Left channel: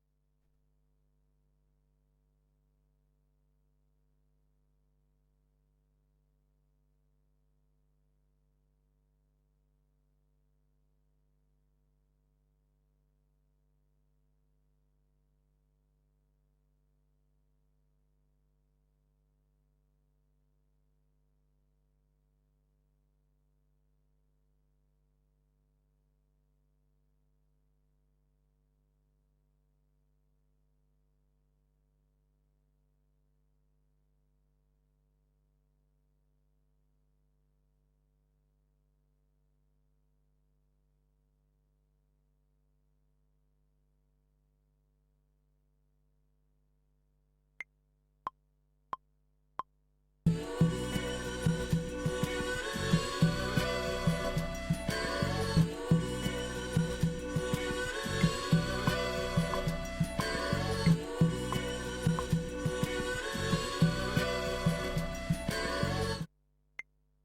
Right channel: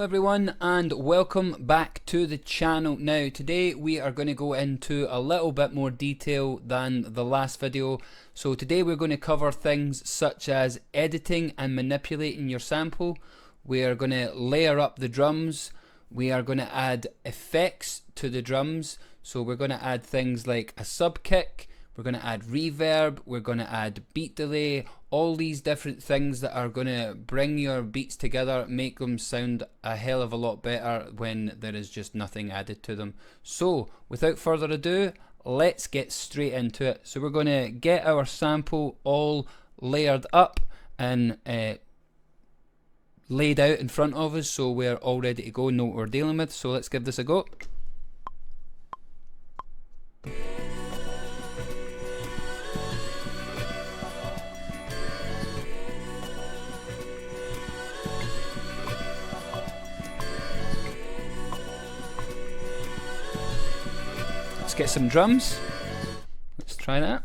Hello everyone and welcome back to the channel. Now today we are going to go into a little bit more detail than the last video. So today we're going to cover things such as editing and manipulating your sample. We are going to layer up the drums. We are going to add effects to the drums. So we're going to add things like a sub kick. We're going to add reverb. We're going to add beat delay. All these different things that are going to bring your beats together, make them sound a hell of a lot better when there is just nothing added to them. So without further ado, let's get straight into it. So we're going to get our sample all layered up and laid out in front of us, so we're all ready to go, know what we're dealing with. So let's give this a go. Let's get some drums. Let's try that.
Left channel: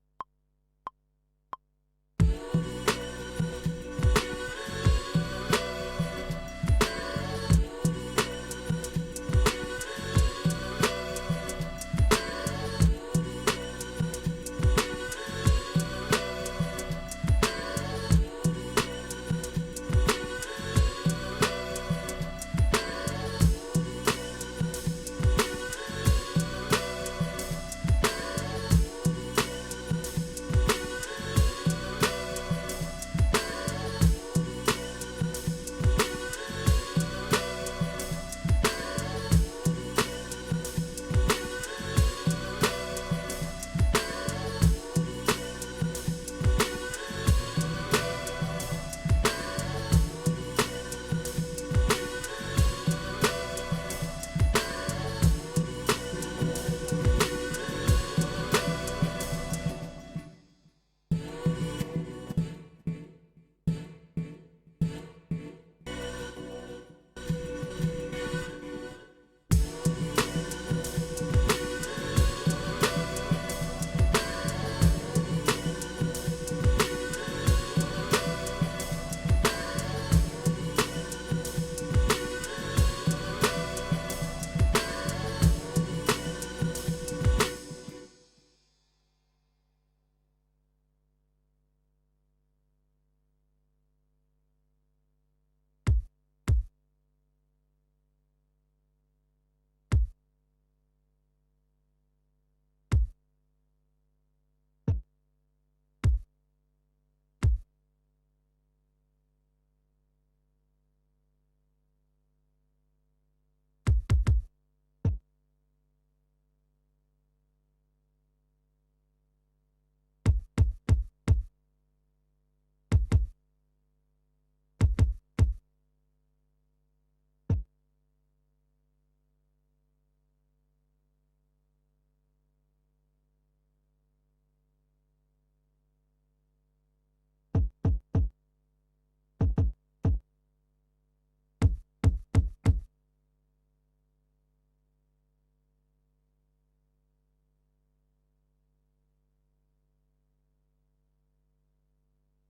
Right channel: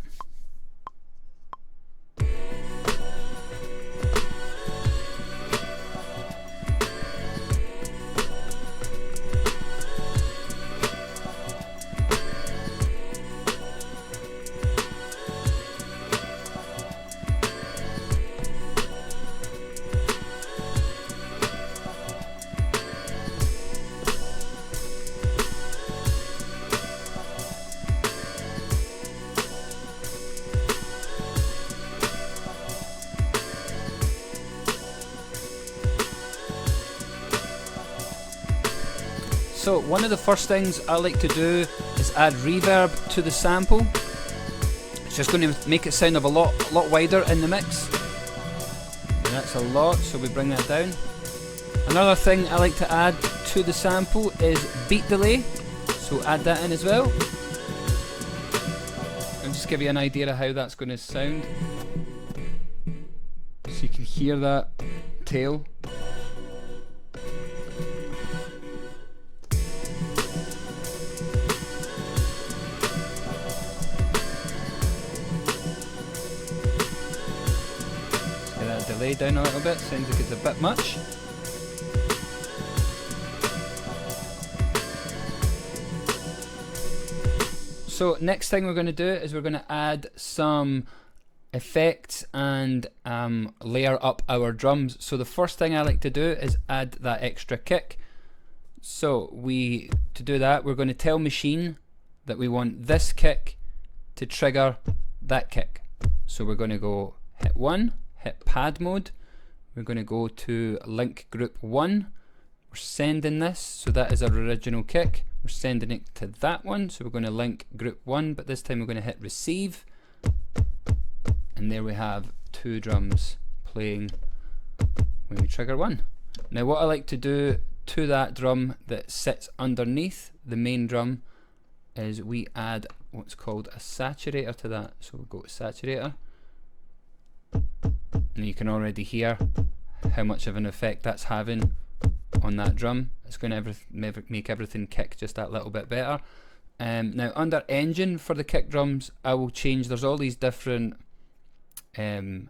So one of the first things I like to do is add reverb to the sample. It's just going to make it sound a lot wider in the mix. And that's a lot, so we bring that down. Another thing I like to add to the sample is beat delay, so add that in as well. I'll just give you an idea of how that's going to sound. So you can hear that tail. Down a little bit, sounds like it's a bit much. So next thing we're going to do is we're going to add some effects and layer up our drums. So the first thing I like to do is add that extra kick. So to do that, we're going to tell Maschine that we want this kick to trigger that kick. So we're going to go hit 1, hit pad mode. We're going to go to link group 1. We're sending this, so that is our original kick. We're sending it to that one, so we're going to link group 1, but this time we're going to hit receive. And there we have two drums playing when we trigger 1. Now what I like to do to that drum that sits underneath the main drum is we add what's called a saturator to that. So we'll go to saturator. And you can already hear how much of an effect that's having on that drum. It's going to make everything kick just that little bit better. Now under engine for the kick drums, I will change, there's all these different emulators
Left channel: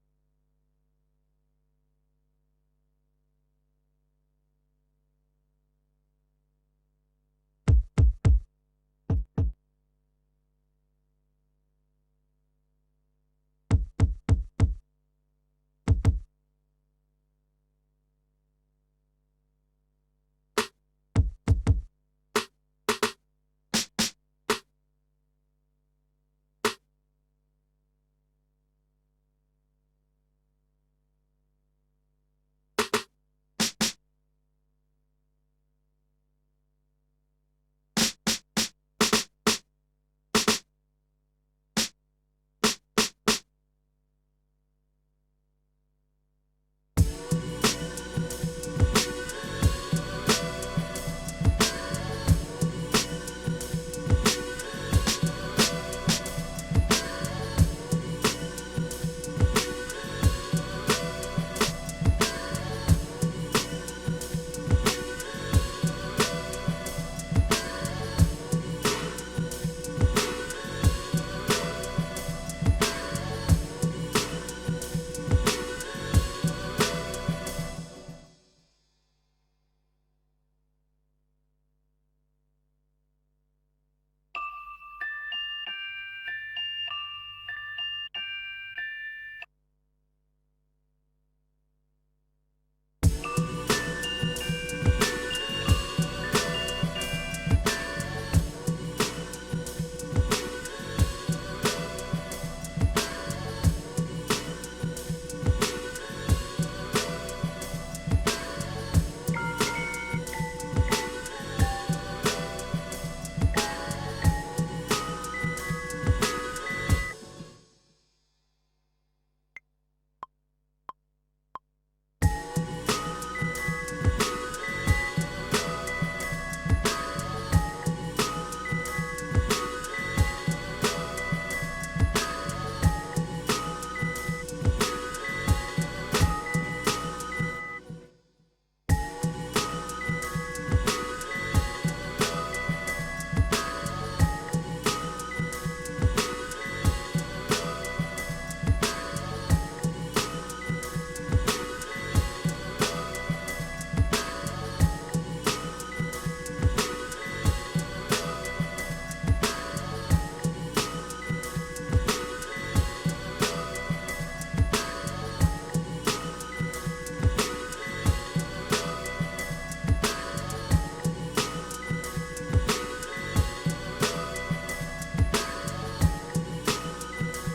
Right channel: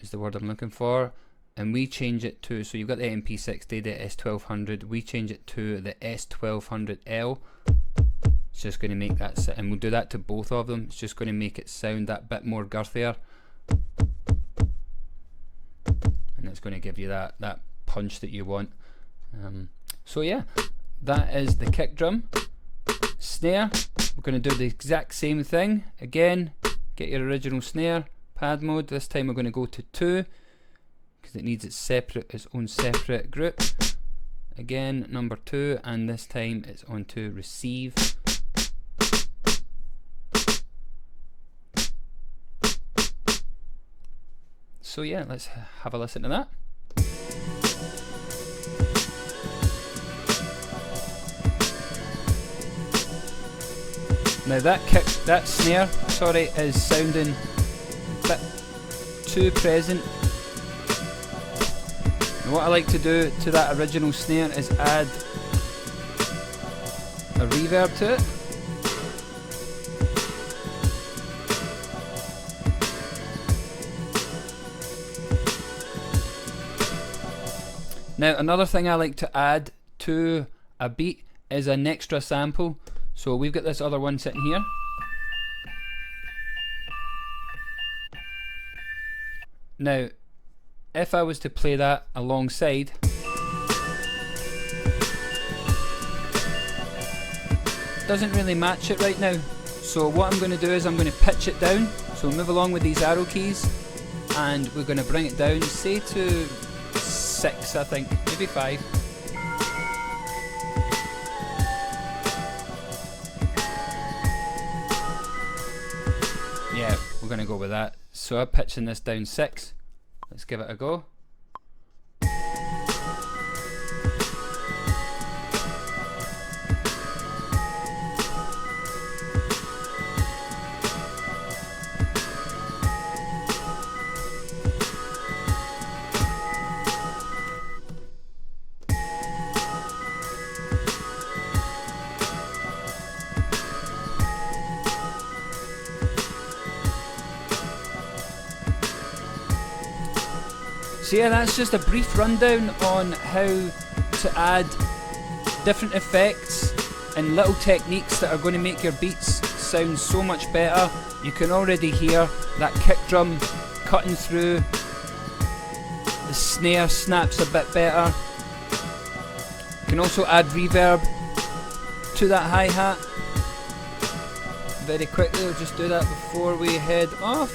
is the word I'm looking for, and we change it to, so you've got the MP60, the S1200, we change it to the S1200L. It's just going to make that, and we'll do that to both of them. It's just going to make it sound that bit more girthier, and it's going to give you that punch that you want. So yeah, that is the kick drum. Snare, we're going to do the exact same thing again. Get your original snare, pad mode. This time we're going to go to 2 because it needs its own separate group. Again, number 2, and this time it's on to receive. So yeah, let's have a listen to that. Now that snare, sorry, is sounding a bit too present. And what I like to do to that original snare is add a reverb to it. Now another thing I like to add to a beat is an extra sample. So we've got this other one sitting here. Now if I was to play that alongside, it doesn't really match it right now. So what I'm going to do is I'm going to pitch it down. So we'll move along with these arrow keys and we're going to bring it down, say to 6 I think, maybe 5. Yeah, we're going to go with that. So I'm pitching this down 6. Let's give it a go. So yeah, that's just a brief rundown on how to add different effects and little techniques that are going to make your beats sound so much better. You can already hear that kick drum cutting through, the snare snaps a bit better. You can also add reverb to that hi-hat. Very quickly, we'll just do that before we head off.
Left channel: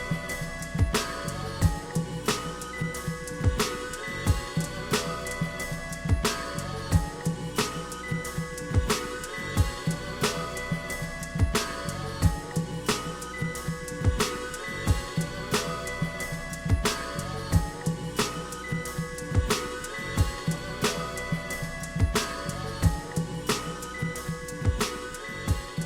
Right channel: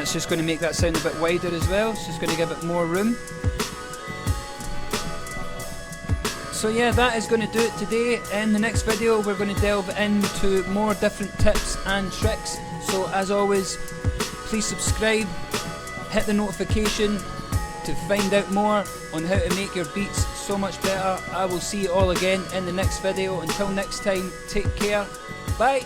It's just going to make that sound a bit wider as well. It's just going to give it more room. So yeah, that is going to do it today. In the next video we're going to delve into more different tips and tricks. So as always, please subscribe, hit the notification to find out more on how to make your beats so much better. I will see you all again in the next video. Until next time, take care. Bye.